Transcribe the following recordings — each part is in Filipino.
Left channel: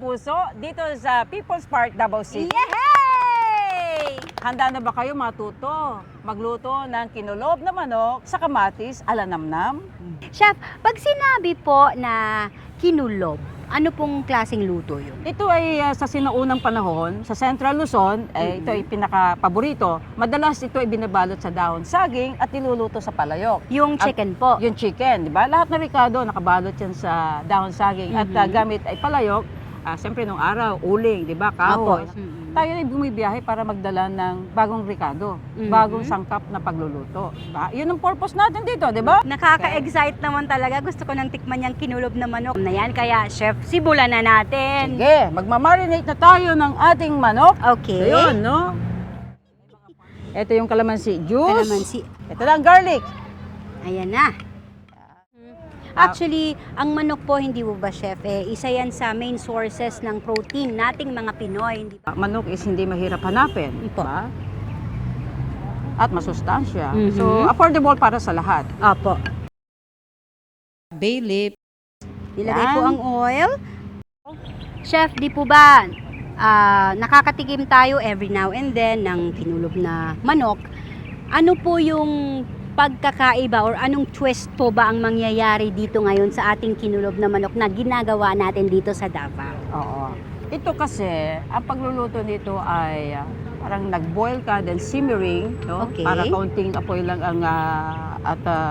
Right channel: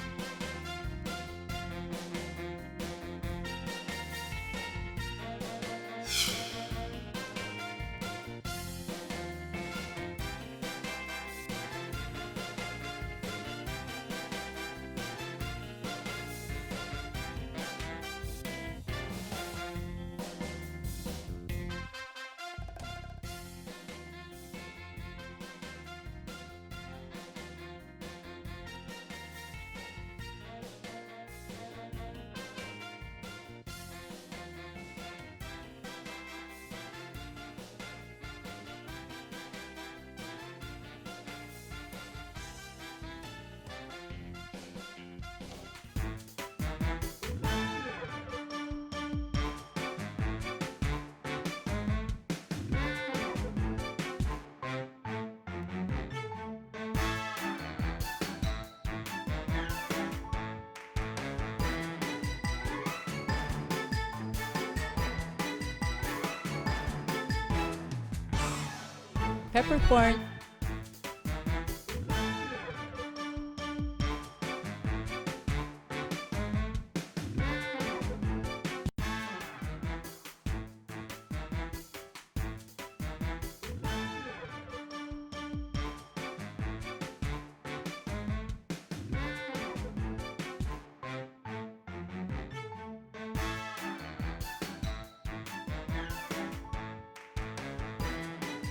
kapuso dito sa People's Park, Davao City. Yay! Handa na ba kayo matuto magluto ng kinulob na manok sa kamatis ala namnam? Chef, pag sinabi po na kinulob, ano pong klaseng luto yun? Ito ay sa sinaunang panahon, sa Central Luzon, ito ay pinaka-paborito. Madalas ito ay binabalot sa dahon saging at niluluto sa palayok. Yung chicken po. Yung chicken, di ba? Lahat na ricado, nakabalot yan sa dahon saging. At gamit ay palayok, siyempre nung araw, uling, di ba? Kahoy. Tayo ay bumibiyahe para magdala ng bagong ricado, bagong sangkap na pagluluto. Diba? Yun ang purpose natin dito, di ba? Nakaka-excite naman talaga. Gusto ko nang tikman yung kinulob na manok na yan. Kaya, chef, simulan na natin. Sige, magmamarinate na tayo ng ating manok. Okay. Ayun, no? Ito yung calamansi juice. Calamansi. Ito lang garlic. Ayan na. Actually, ang manok po, hindi mo ba, chef, isa yan sa main sources ng protein nating mga Pinoy. Manok is hindi mahirap hanapin. Diba? At masustansya. Mhm. So, affordable para sa lahat. Opo. Peppercorn, bay leaf, Ilagay Yan. po ang oil. Chef, di po ba nakakatikim tayo every now and then ng kinulob na manok? Ano po yung pagkakaiba or anong twist po ba ang mangyayari dito ngayon sa ating kinulob na manok na ginagawa natin dito sa Davao? Oo. Ito kasi, ang pagluluto nito ay parang nag-boil ka, then simmering, no? Okay. Para kaunting apoy lang ang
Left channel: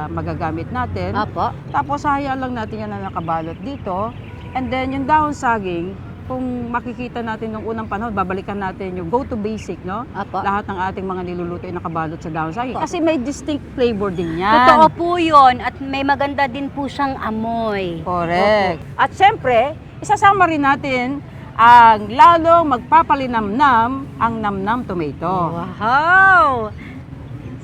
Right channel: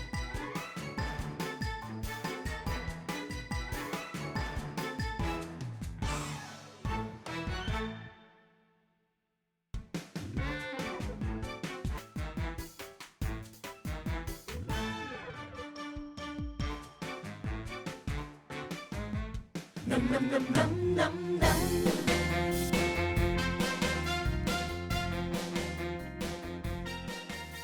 magagamit natin. Opo. Tapos hayaan lang natin yan na nakabalot dito. And then yung dahon saging, kung makikita natin nung unang panahon, babalikan natin yung go to basic, no? Opo. Lahat ng ating mga niluluto ay nakabalot sa dahon saging. Kasi may distinct flavor din yan. Totoo po yun at may maganda din po siyang amoy. Correct. At syempre, isasama rin natin ang lalong magpapalinamnam ang namnam tomato. Wow!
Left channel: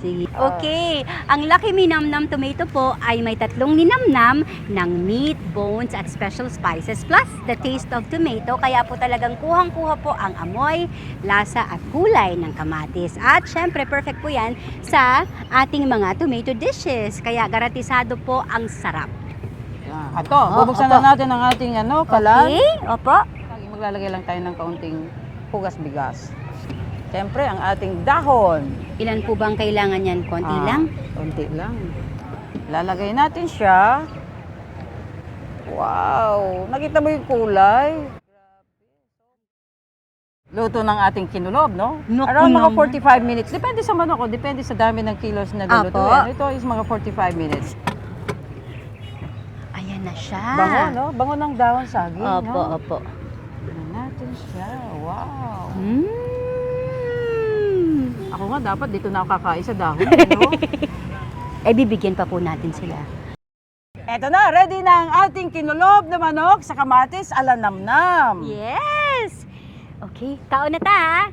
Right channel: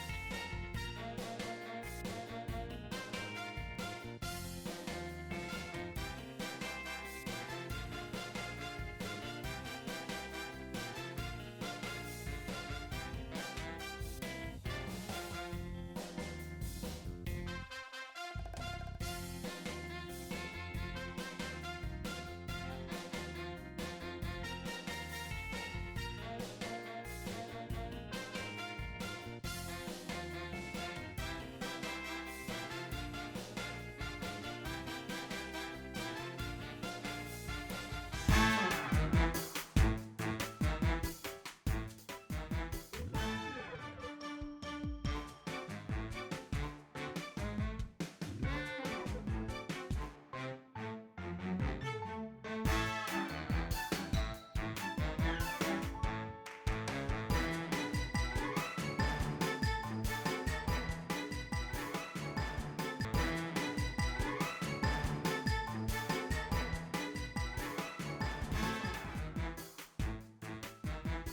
Sige. Okay, ang Lucky Me Nam Nam Tomato po ay may 3 ninamnam ng meat, bones at special spices plus the taste of tomato. Kaya po talagang kuhang-kuha po ang amoy, lasa at kulay ng kamatis. At syempre, perfect po yan sa ating mga tomato dishes. Kaya garantisado po ang sarap. Yan. Ito, bubuksan na natin ang ating kalan. Okay? Opo. Maglalagay lang tayo ng kaunting pugas bigas. Siyempre, ang ating dahon. Ilan po bang kailangan yan? Konti lang? Konti lang. Lalagay natin siya. Wow! Nakita mo yung kulay? Luto ng ating kinulob, no? Naku Around mga naman. 45 minutes. Depende sa manok, depende sa dami ng kilos na Apo. lulutuin. Ito is mga 45 minutes. Ayan na siya. Bango, no? Bango ng dahon saging, Opo, no? opo. Tingnan natin siya. Wow! Ako nga, dapat dito na ako kakain sa dahon. No? Bibigyan pa po natin sila. Eto na, ready na ang ating kinulob na manok sa kamatis ala namnam. Yes! Okay, kaon na ta!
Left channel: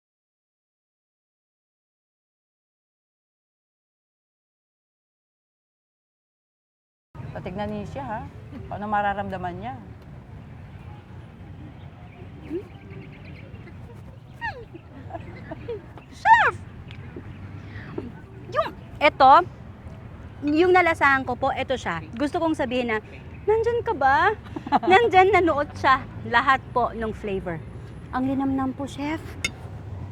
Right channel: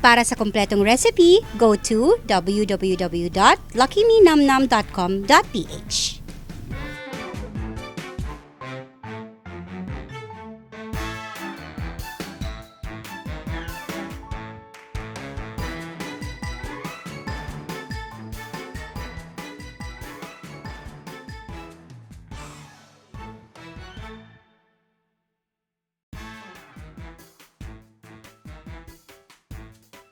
Para sa kompletong recipe, go to www.luckymenamnam.com.ph. Patignan niyo siya, ha? Paano mararamdaman niya? Ito, yung nalasahan ko po, ito siya. Gusto kong sabihin na, nandyan ka ba? Nandyan, nanuot siya. Lahat po ng flavor. Ang linamnam po, chef.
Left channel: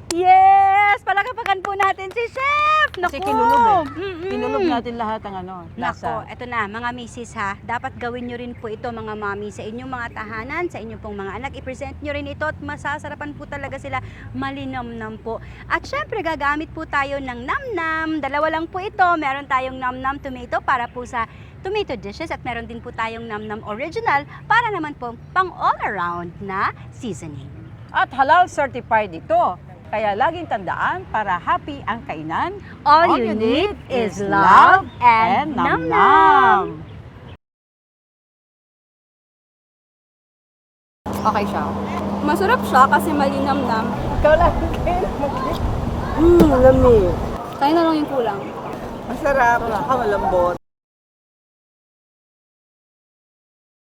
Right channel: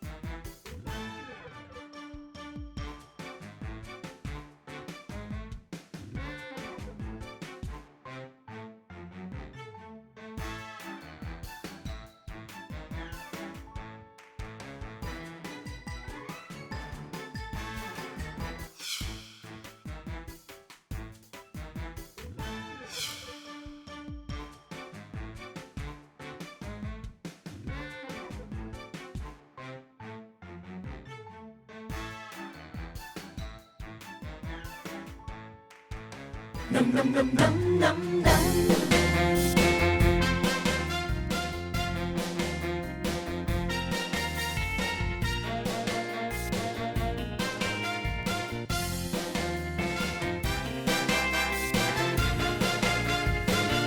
Yes! Palakapakan po natin si Chef! Kasi Naku! kinulob Mm-mm. Kinulob natin lahat ang Nako, lasa. eto na, mga misis ha. Dapat gawin nyo rin po ito, mga mami, sa inyong mga tahanan, sa inyong pong mga anak. I-present nyo rin ito at masasarapan po talaga sila. Malinamnam po. At syempre, gagamit po tayo ng namnam. Dalawa lang po ito. Meron tayong namnam tomato para po sa tomato dishes at meron din po tayong namnam original para naman po pang all-around na seasoning. At halal certified ito. Kaya laging tandaan, para happy ang kainan, All you need is love and namnam. Okay siya. Masarap siya kasi malinamnam. Ikaw lang. Kaya na lang yung kulang. Masarap. Malambot.